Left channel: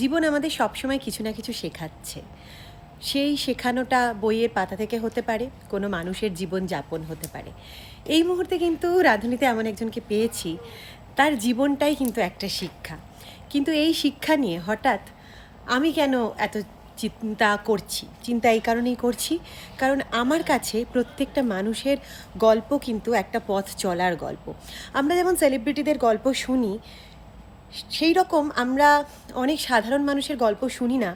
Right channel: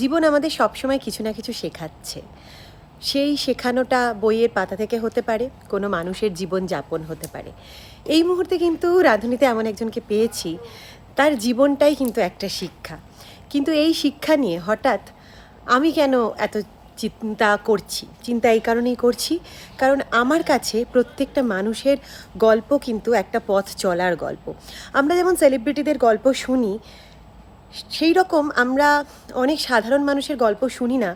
জীবন আমাদের সবসময় কিছু না কিছু শেখাচ্ছে। সেই শেখানোটা বইয়ের পাতা থেকে হতে পারে, কোনো মানুষের জীবন যাপন হতে পারে। এই মুহূর্তে কিন্তু রাঁধুনিতে এমন একজনকে পেয়েছি, তার জীবনটাই কিন্তু একটা শিক্ষা। কিন্তু এই শিক্ষা নিয়ে হঠাৎ আমি কেন এত চিন্তা এই কারণেই করছি, কারণ আমার কাছে প্রত্যেকটা মানুষের গল্প কিন্তু একটা পথ চলার গল্প। আমরা যেমন সেলিব্রিটিদের গল্প শুনি, সেই রকম আমরা অনেক সাধারণ মানুষের গল্প শুনি না,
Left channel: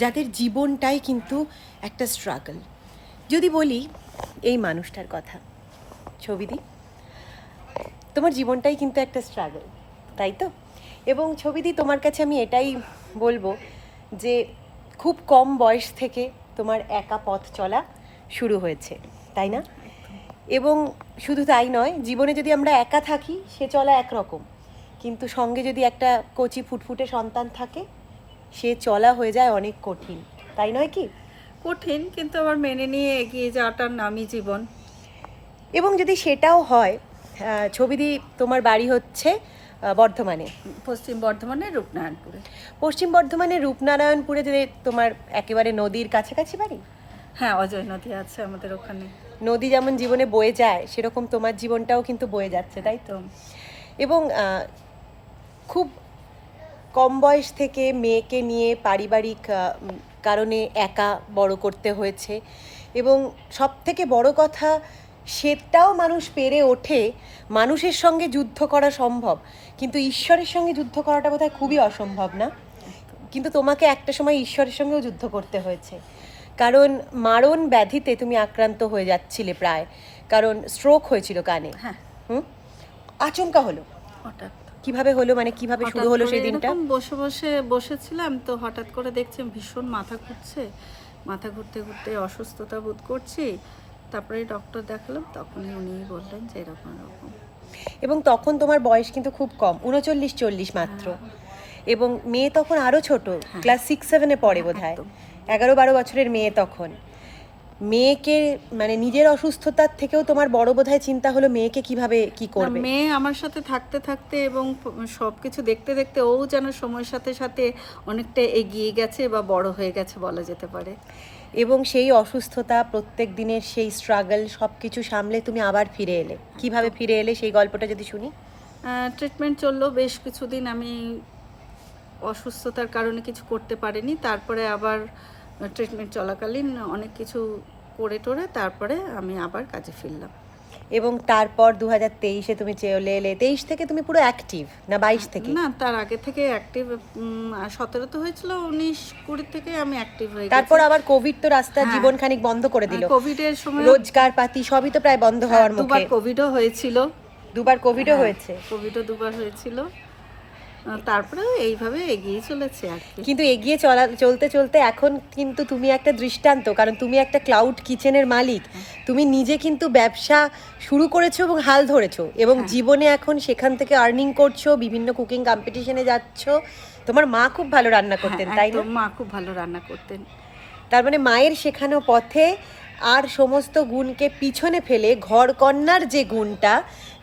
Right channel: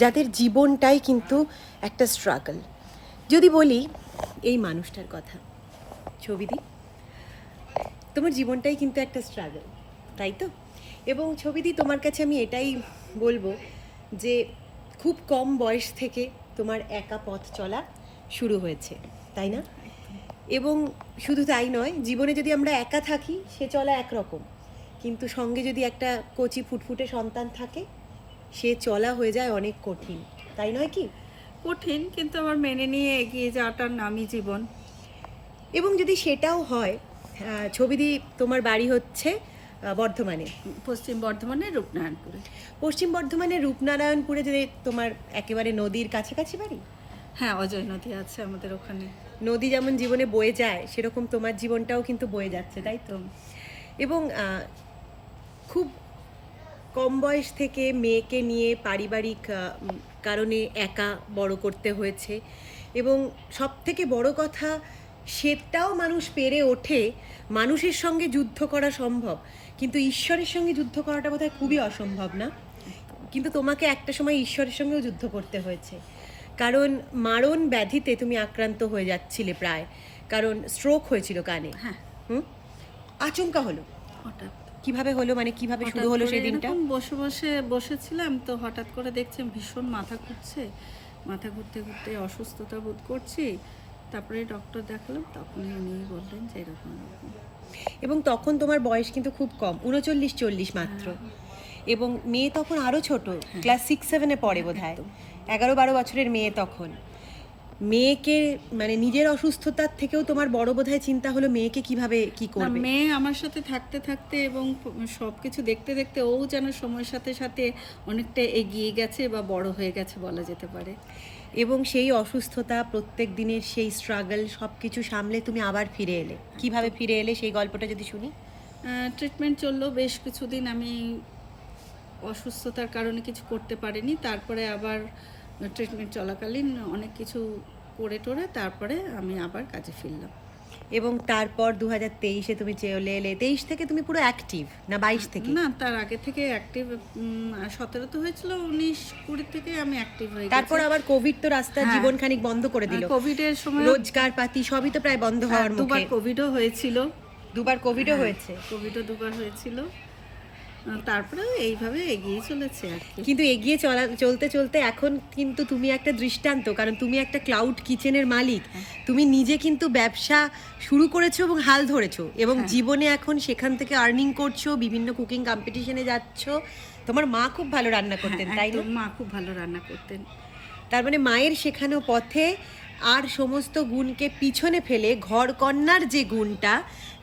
যাদের জীবনটাই কিন্তু একটা স্ট্রাগল। যদি বলি এই মানুষটার কথা, ছবিদি, তোমার জীবনটাই কিন্তু একটা স্ট্রাগল, তাই তো? এবং ছবিদি, তোমার কাছে আমি এটাই বলবো যে খুব কম বয়স থেকে তোমার একা পথ চলা শুরু হয়েছে, তাই না? এবং শুধু তাই নয়, জীবনে যদি আমরা একা থাকি সে চলা একরকম, কিন্তু সঙ্গে যদি একটা কচি ফুটফুটে সন্তান থাকে সে চলা হয়ে যায় অনেক কঠিন, তাই নয় কি? কঠিন, কিন্তু আবার মেনে নিয়ে এগিয়ে যাওয়াটার নামই জীবন। এবং যদি সেটাও হয়, ছবিদি, তোমার বাড়ি হচ্ছে বর্ধমানে, পশ্চিম বর্ধমানের রূপনারায়ণপুরে। পশ্চিম বর্ধমানের রূপনারায়ণপুরে যে তোমার একেবারে নদীর কাছাকাছি বাড়ি। হ্যাঁ, অজয় নদী আছে আমাদের ওখানে। নদী যেমন জীবনে বয়ে যায়, সেরকম তোমার জীবনটাও কিন্তু বয়ে যাচ্ছে, তাই তো? এবং খুব কম বয়স থেকে মেয়েকে নিয়ে পারিবারিক কারণে একা বড় করতে হয়েছে। এবং সব থেকে বড় কথা, সেটাও মানুষ পেরে ওঠে। মানুষের সঙ্গে যুদ্ধ করা সম্ভব, কিন্তু ঈশ্বরের সঙ্গে যুদ্ধ করাটা বোধহয় খুবই অসম্ভব, না? কিন্তু তোমাকে একটা সময় ঈশ্বরের সঙ্গেও যুদ্ধ করতে হয়েছে, কারণ মারণ ব্যাধিতে তুমি আক্রান্ত হয়ে যাচ্ছিলে প্রায়, কারণ স্ট্রোক হয়েছিল কানে। হ্যাঁ। আচমকা হলো, হঠাৎ কিভাবে হলো, মানে কিভাবে শুরু হলো সেই দিনটা? বসেছিলাম তো হঠাৎ করে দেখছি ভীষণ মাথা ঘুরছে, মাথা ঘুরতে ঘুরতে অসুস্থতা বোধ করছি। তারপরে ডক্টর দেখালাম, তখনই উনি বললেন যে এরকম এরকম। এবং তখন তোমার বয়স কিন্তু খুব কম, 39-40 মাত্র। এবং মেয়ে তখন আরো ছোট, ক্লাস 6-7-এ পড়ে বোধহয়, 11-12 বছরের মেয়ে তখন। মেয়েকে মানে নিজের অসুস্থতার থেকেও তোমার বড় বোধহয় চিন্তা হলো মেয়েকে কিভাবে কি করবে। মেয়ে আমার সাথে থাকতে থাকতে এবং সবকিছু দেখতে দেখতে ও যেন সময়ের সাথে সাথে অনেকটা এগিয়ে গেছে বা বড় হয়ে গেছে বলা যেতে পারে। এবং সেই অসুস্থতা, প্রত্যেক দিনের সেই স্ট্রাগল, সব কিছু সামলে তুমি আবার ফিরে এলে। কিভাবে ফিরে এলে সেই গল্পটা যদি শুনি। ট্রিটমেন্ট চললো বেশ কিছুদিন, আমি অসুস্থতার কারণে কিছু করতে পারিনি। তারপরে আবার ট্রিটমেন্ট চলাকালীন অনেক কিছু করে টোরে তারপরে আমি আবার কাজে ফিরলাম। এবং তারপর 2023-এ তুমি চলে এলে। 23 থেকে তুমি পুরো অ্যাক্টিভ, না 22 থেকে? না, তার আগে থেকে অ্যাক্টিভ। 17 তো হয়েছিল, 19-20 থেকে আমি অ্যাক্টিভ হয়ে গেছি। তারপর আবার কোভিড তো রাস্তার জীবন খানিক বন্ধ করে দিল। কোভিডের সময় রোজগার পাতি সবই তো প্রায় বন্ধ হওয়ার মুখে। দুবার কোভিডও হয়েছিল। দুবার কোভিডও হয়েছে। কোভিডও দুবার হয়েছিল। তারপরে এইভাবে এগিয়ে চলেছে আর কি। কিন্তু এগিয়ে চলতে চলতে এখন কিন্তু তুমি একটা দৃষ্টান্ত, কারণ তুমি একটা ক্লাউড কিচেনের মালিক। তুমি নিজে কিন্তু ব্যবসা শুরু করেছো এবং হাল ধরেছো, এবং জীবনে এখন সেখান থেকে আর্নিং করছো, বিভিন্ন কুকিং কম্পিটিশনে যাচ্ছ। তোমার মা খুব ভালো রান্না করতেন, তাই না? মা খুব ভালো রান্না করতেন। তার মানে মায়ের শেখানো পথে আর সমস্ত গুণকে পিছনে ফেলে ঘর কন্যার যে গুণটা,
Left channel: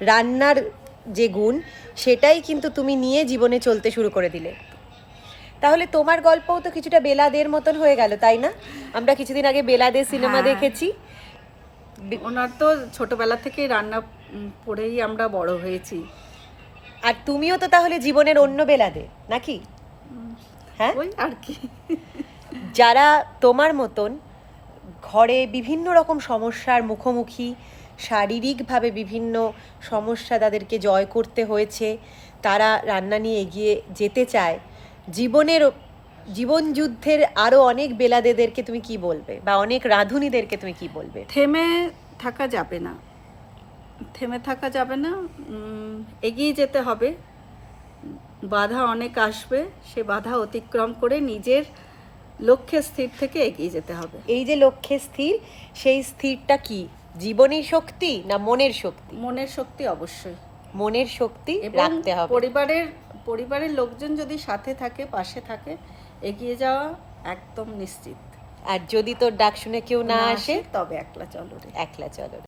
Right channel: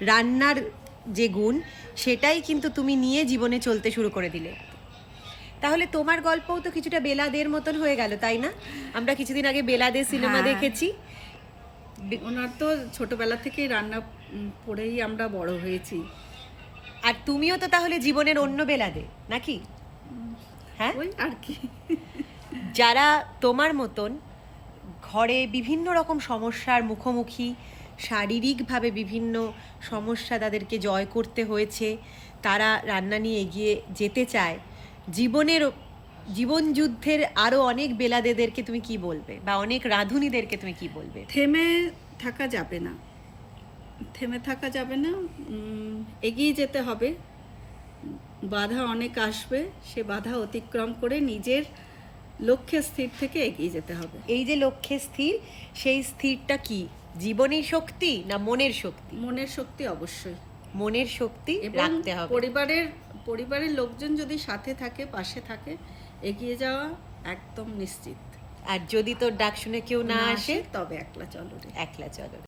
রান্নার যে গুণ, সেটাই কিন্তু তুমি নিয়ে জীবনে চলতে শুরু করে দিলে। তাহলে তোমার গল্পও তো কিছুটা বেলাদের মতন হয়ে গেল, তাই না? আমরা কিছুদিন আগে বেলাদের সিনেমা দেখেছি। ওনার তো ছোটবেলা থেকেই রান্না পড়েই আমরা বড় হয়েছি। আর তুমিও তো তাহলে জীবনের অন্য বেলাদে, নাকি? হ্যাঁ, ওই আর কি। যারা তোমার মতন ঘরে বিভিন্ন রকম সমস্যার মুখোমুখি, শারীরিকভাবে বিভিন্ন সমস্যা তাদেরকে জয় করতে হয়েছে, তারা রান্না নিয়ে এগিয়ে যেতে চায়, জীবন যুদ্ধের আরও অনেক বেলাদেদেরকে তুমি কি বলবে, বা অনেক রাঁধুনিদেরকে তুমি কি বলবে? থেমে থাকা যাবে না, এগিয়ে যেতে হবে। বাধা অনেক আসবে, সে বাধা অতিক্রম করে নিজের লক্ষ্যে স্থির থেকে এগিয়ে যেতে হবে। এই যে লক্ষ্যে স্থির, সেই স্থিরটা কি জীবনের শক্তি না মনের শক্তি? মনের শক্তি, অবশ্যই মনের শক্তি রাখতে হবে। পরিবারের লোকজন যদি সাথে থাকে, পাশে থাকে, এগিয়ে যাওয়া একদম নিশ্চিত। আর যদি তোর ডাক শুনে কেউ না আসে, তবে একলা চলো রে। একলা চলো।